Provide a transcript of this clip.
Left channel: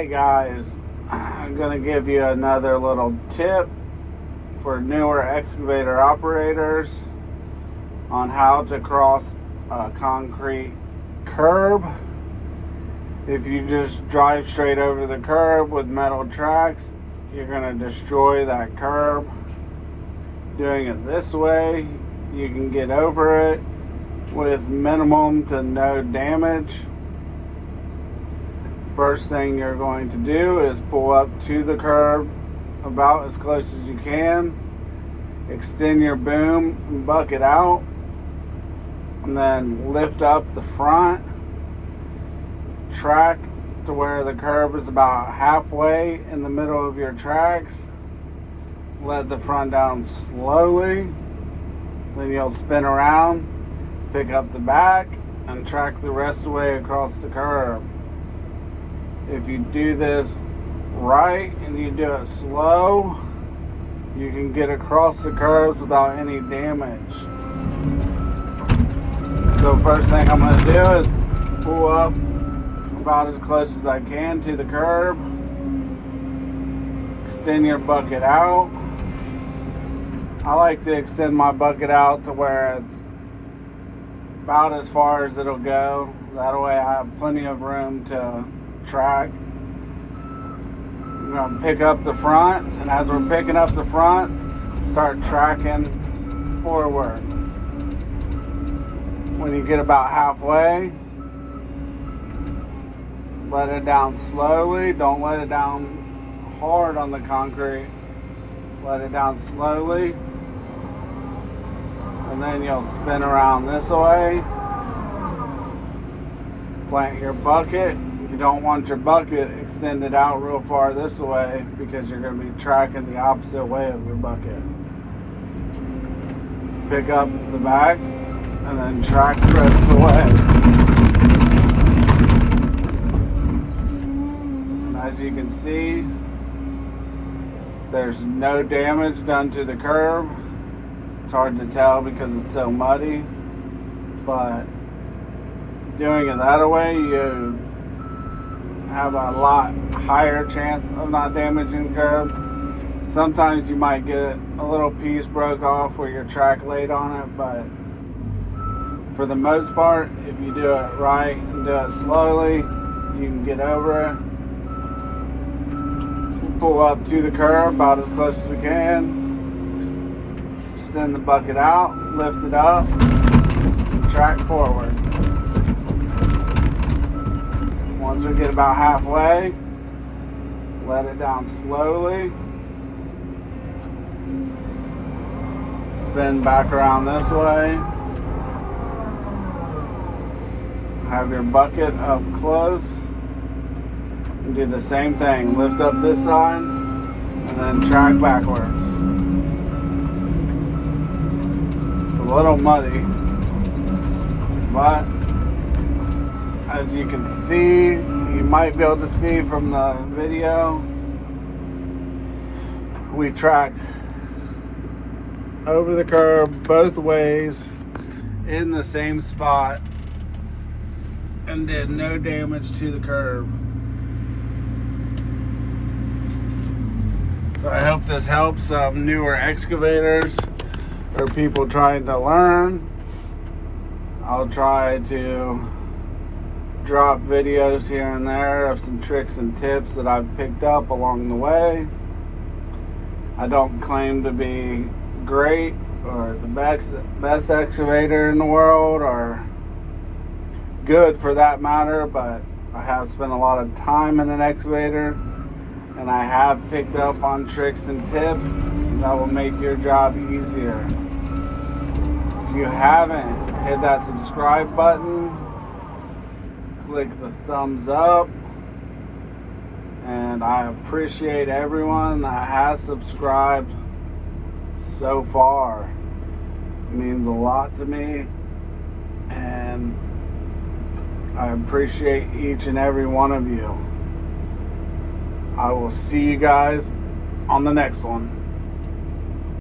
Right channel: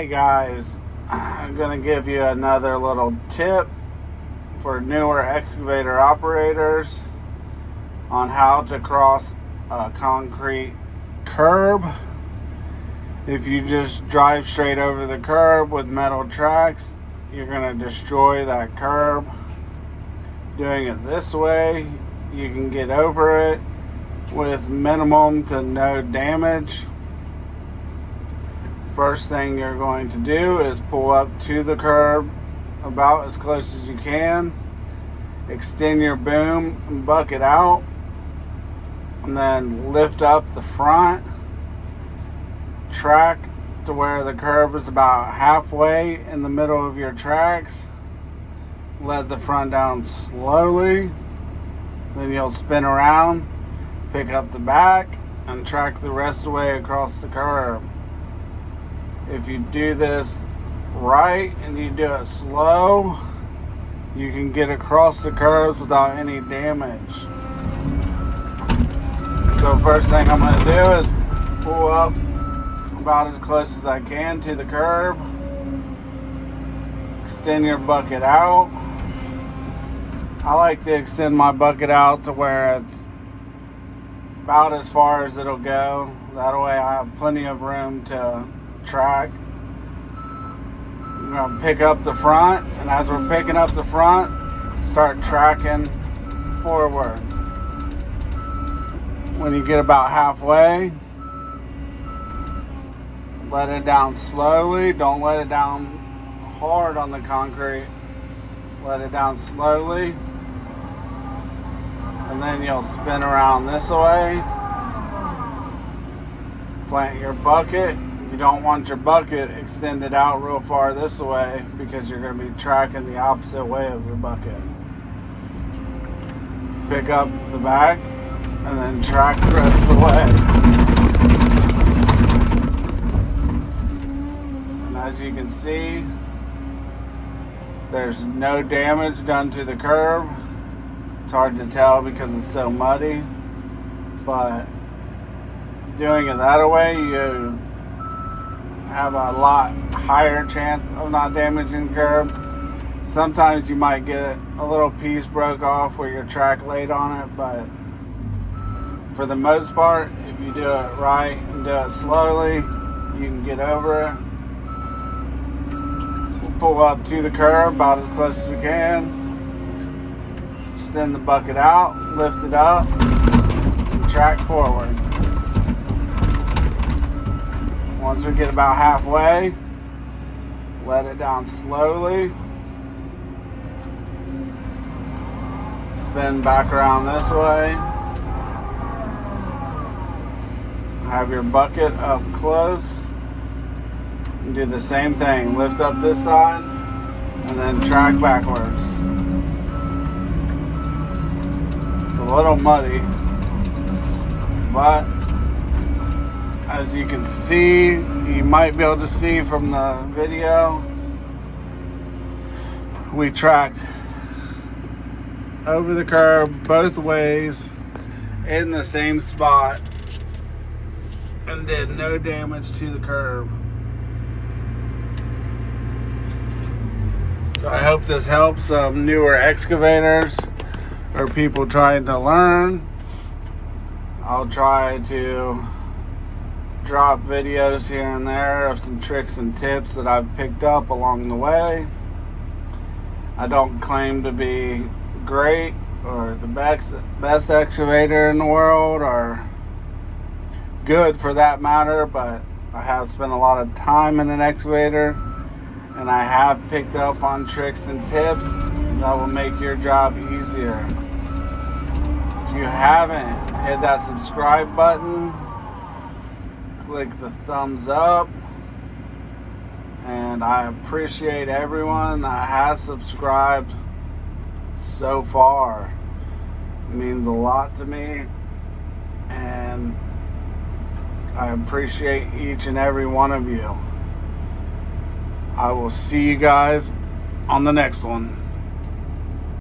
Alright guys, I'm going to give you another little tip for newer excavator operators on how to cross a concrete curb. If you just drive straight over the curb with metal tracks, you're going to destroy that curb. Doing it this way, you can get over it with minimum to no damage. First thing you're going to do is pull up to the curb about as close as you can, extend your boom and bucket out, and then lift up the front, track to where the curb is about halfway in the middle of your tracks. Let the front down slowly, then you'll spin around, pick up the back, and track the rest of the way across the curb. If you do this right and you do it slow, you can get across the curbs without any damage. So first thing I'm going to do is pull up about as close as I can to the curb. Extend your bucket out. I like to extend my bucket out to where it's about as far as it'll go. That way I have plenty of room to track. We're going to pick up the front, and as we're picking up the front, start tracking forward. When you get about halfway, let it down slowly. Don't let it down hard on the concrete. Let it down slowly, and then you'll spin around this way. Plant your bucket. If you don't want your bucket extended out real far this way, because you're going to be tracking the opposite way of your bucket. Pick up the back and then track the rest of the way. As you can see, there's no damage done to the curb. It's hard to tell because it's so muddy, but doing it that way, you have a lot higher chance of not damaging the curb. Sometimes you might get a little piece broke off where your track laid on it, but for the most part, if you do it right and do it slowly, you can get over it. Pull up to the curb about as close as we can. Extend the bucket out, lift it up, and track forward. Once we get about halfway, let it down slowly. Spin back around this way. Have your bucket up close. And do the same thing. Lift up this side and then track backwards. It's a little muddy, but as you can see, you might be able to see from the video, we tracked over the curb both ways in the same spot and did no damage to the curb. So I hope this helps some newer excavators or people trying to learn. I'll try to drop videos here and there of some tricks and tips that I've picked up along the way. I don't claim to be great or the best excavator in the world, or good for that matter, but I have spent a lot of time in an excavator, and I have picked up on tricks and tips that will make your job easier. If you haven't, hit that subscribe button, click the thumbs up, and I appreciate everyone that has subscribed so far. It means a lot to me, and I appreciate each and every one of you. I will see you guys on the next one.